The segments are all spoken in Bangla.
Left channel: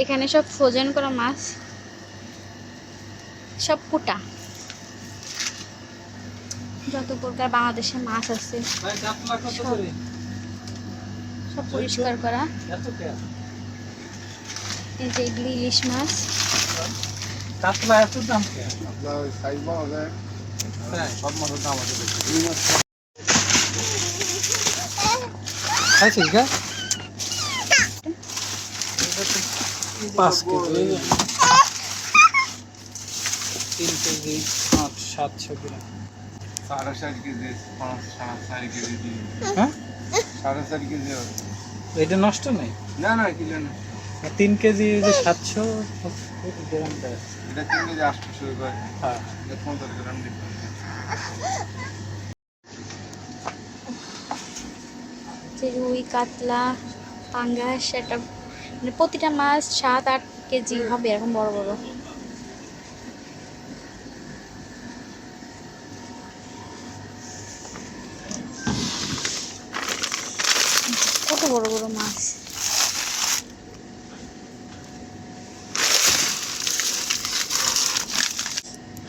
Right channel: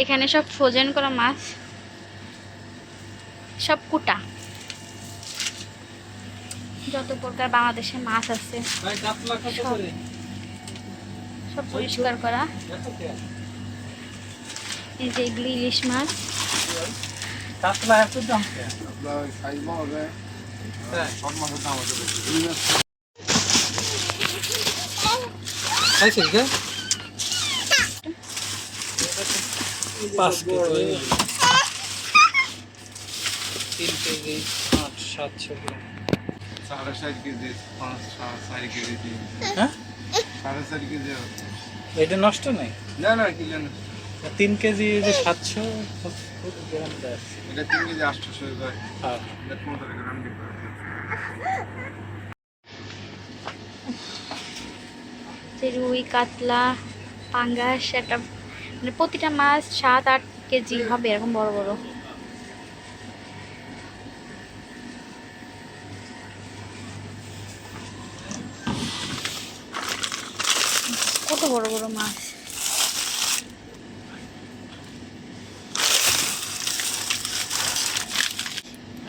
এখানে সব ফ্রোজেন করা মাছ, সব কুটা, যত প্রকার বাংলাদেশে মাছ আছে সব সব পরিষ্কার করা। এই যে এগুলি ইলিশ মাছ। কাতলা এত দাম কেন? সাইজ পাওয়া যায়। হ্যাঁ, সব মাছের দাম আছে। খাইছিস গা? 5 কেজি, 3 কেজি, 700 গ্রাম। 4.5 কেজি, 4 কেজি দিন। হ্যাঁ, 4.5 কেজি হবে। এটা নষ্ট নেই। না না কিলো না, 3 কেজি যে 700 গ্রাম দেয়। এটা 3 কেজি 800 হয়। হ্যাঁ, এটা 15 গ্রাম দিবে। যে রুই, কাতলা, পাঙ্গাস, একটা মানে প্রতিটা মাছ 7-8 কেজি হবে, এরকম বড় বড়। কত বড় বড় মাছ।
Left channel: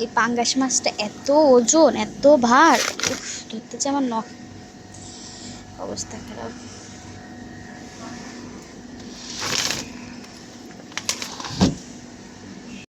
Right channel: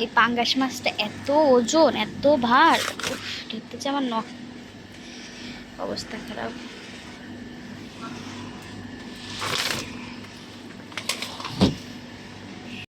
এই পাঙ্গাস মাছটা এত ওজন, এত ভার, উফ, ধরতে যে আমার অবস্থা খারাপ।